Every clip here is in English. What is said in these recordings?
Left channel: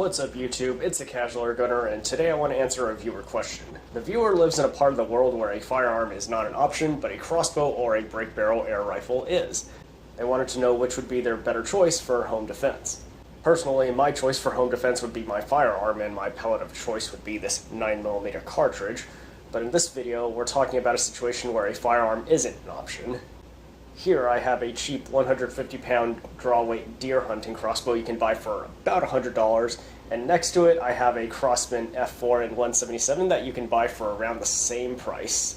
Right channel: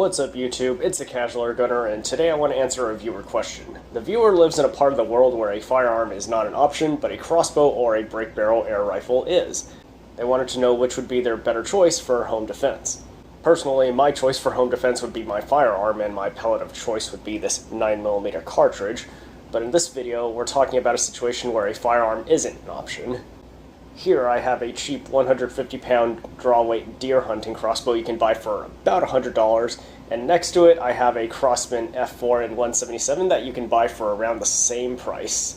What's up YouTube, it's the Casual Gunner, and today I want to answer a viewer question. The viewer lives in a part of the world where a firearm is not an option, but a crossbow or a break barrel air rifle is. They wanted to know which would be their better choice for home defense. Personally, my choice for home defense would be my firearm, and my pellet of choice would be this 9mm cartridge, but in this video we're talking about a situation where a firearm isn't an option. Here I have a cheap 150-pound draw-weight deer hunting crossbow you can buy for about $100, and next to it I have a Crossbow F4 in 177 that you can buy for around the same price.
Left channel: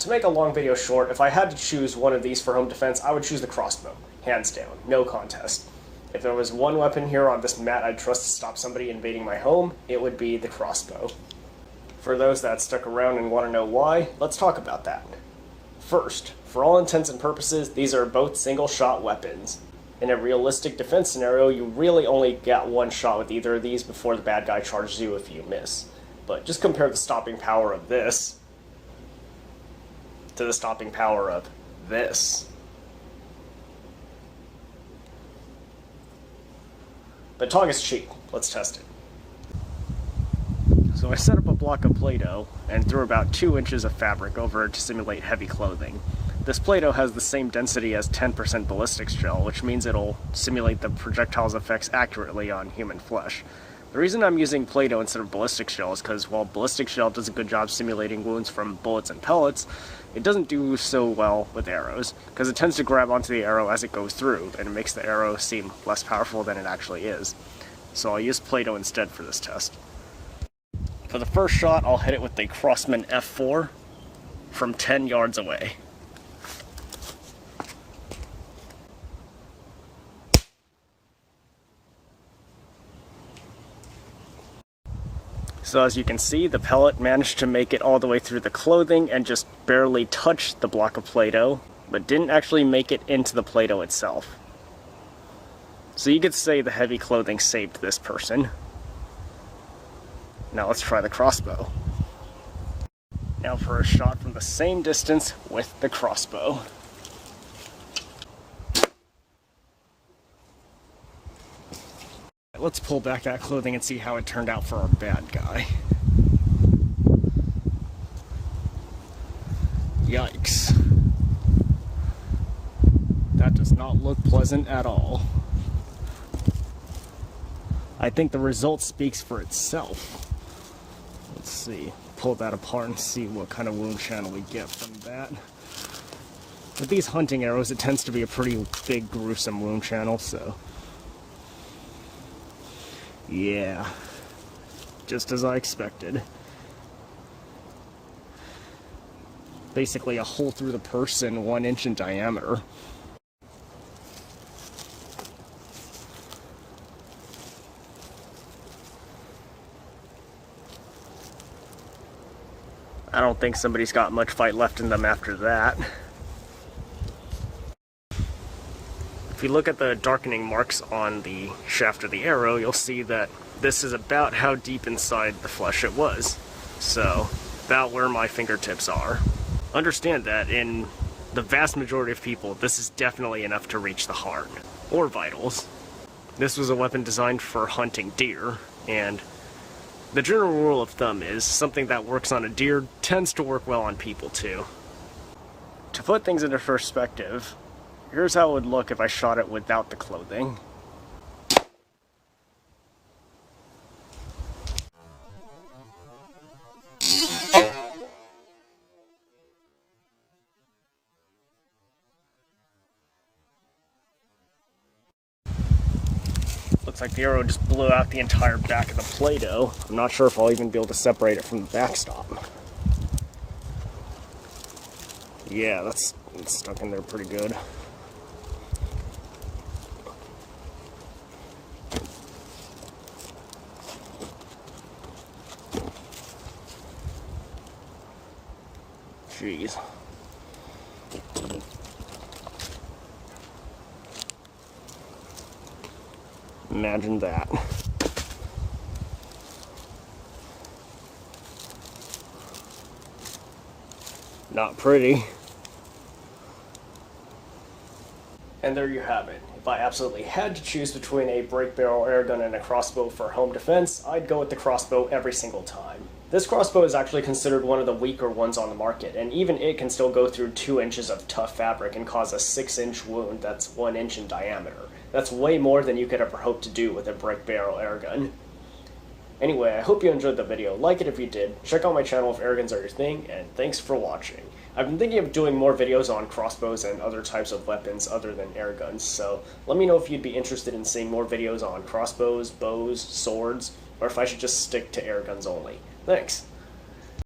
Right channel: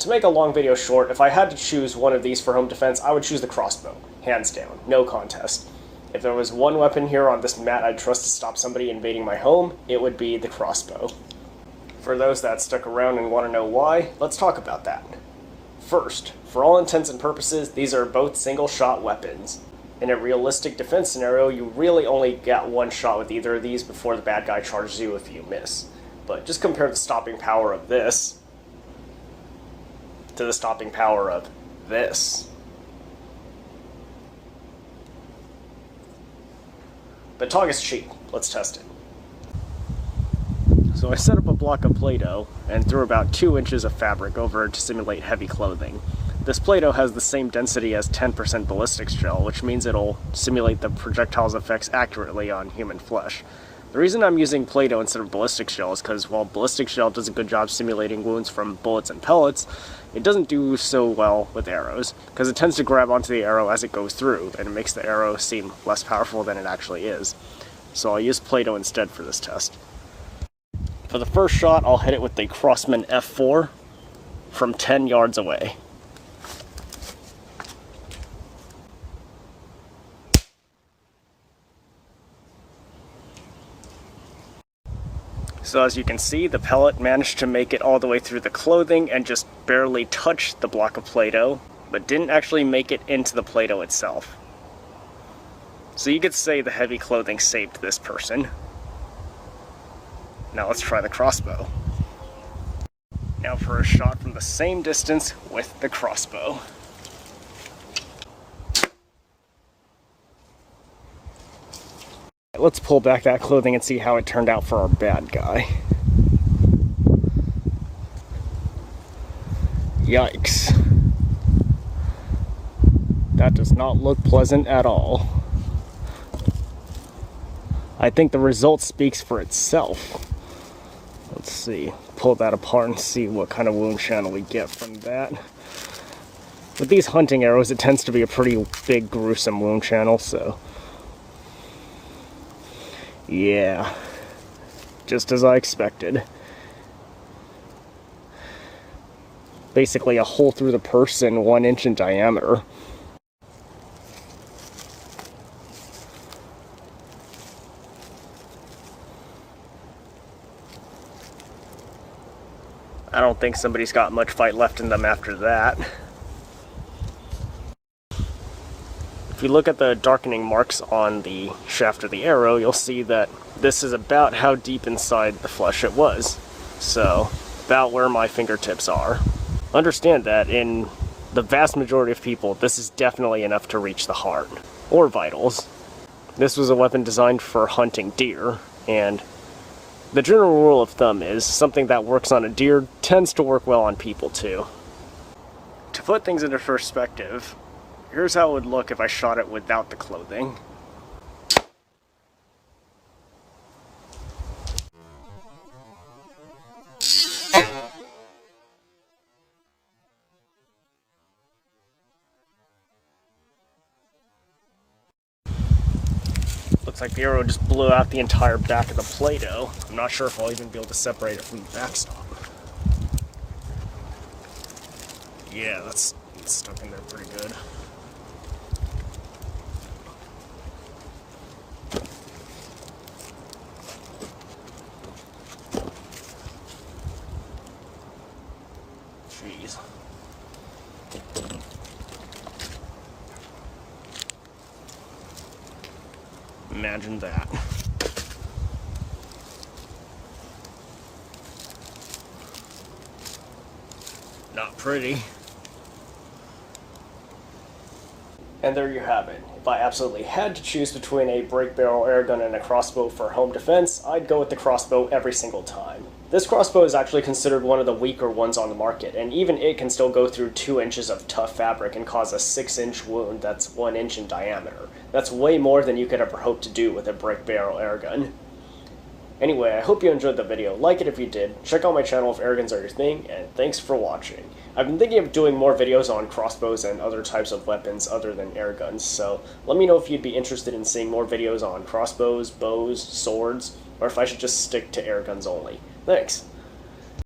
To make a long video short, if I had to choose one of these for home defense, I would choose the crossbow, hands down, no contest. If there was one weapon here on this mat I'd trust to stop somebody invading my home, it would be the crossbow. For those that stuck around and want to know why, let's talk about that. First, for all intents and purposes, these are both single-shot weapons. In a realistic defense scenario, you really only get one shot with either of these before the bad guy charges you if you miss. But just compare the stopping power of this to the stopping power of this. But talk is cheap. Let's test it. So I set up a block of Play-Doh and threw about 2 inches of fabric over it to simulate heavy clothing. This Play-Doh has the same density as 10% ballistics gel, which means it'll simulate the projectile's effects accurately on human flesh. The reason I'm using Play-Doh instead of ballistics gel is because while ballistics gel does a good job simulating wounds from bullets and pellets, it doesn't do so well with arrows, because it tends to grab onto the arrow as it goes through, and it makes the arrow seem less powerful than it actually is. So I'll use Play-Doh instead for this test. For the first shot, I'll hit it with the Crossbow F4 from 10 yards away. So as you can see, the pellet managed to make it all the way through the clothing and just barely touched the block of Play-Doh, but didn't actually make it into the Play-Doh itself. So you could say the heavy clothing saved this person. Now let's try the crossbow. Now for a shot from the same distance with the crossbow. Let's pull back that clothing and see how it turned out for our bad guy. Yikes. That does not look pleasant at all. I think the result speaks for itself. Let's see, pull that apart and see what kind of wound channel we get from that. With these hunting arrows, it tends to be a pretty big, gruesome wound channel, so... yeah, just as I expected. Basically a hole through the person 1 inch in diameter. I don't think somebody's got much fight left in them after that. If you look at the darkening marks on the shaft of the arrow, you'll see that this is about how deep inside the flesh it was. So, about where my fingertips are. Understand that in the vast majority of people, this is definitely enough to reach the heart, or vitals. This was a weapon designed for hunting deer, and the general rule of thumb is something that works on a deer tends to work well on people too. To put things into perspective, here's how it would look if I shot it without the clothing. Looks like the arrow just blew out the entire back of the Play-Doh. I'm not sure if I'll even be able to separate it from the backstop. Yeah, it's stuck in there pretty good. Jeez. Imagine that. Not pretty. And there you have it. If I absolutely had to choose between a break barrel airgun and a crossbow for home defense, I'd go with the crossbow every single time. This crossbow is actually considered one of the weaker ones on the market, and even it can still go through 2 inches of tough fabric and cause a 6-inch wound that's 1 inch in diameter. That's way more than you could ever hope to do with a break barrel airgun. Anyway, I hope you enjoyed the video. Like it if you did, check out my channel if airguns are your thing, and thanks for watching. I've been thinking of doing more videos on crossbows and other types of weapons other than airguns, so let me know if you'd be interested in seeing more videos on crossbows, bows, swords, or if I should just stick to airguns only. Thanks!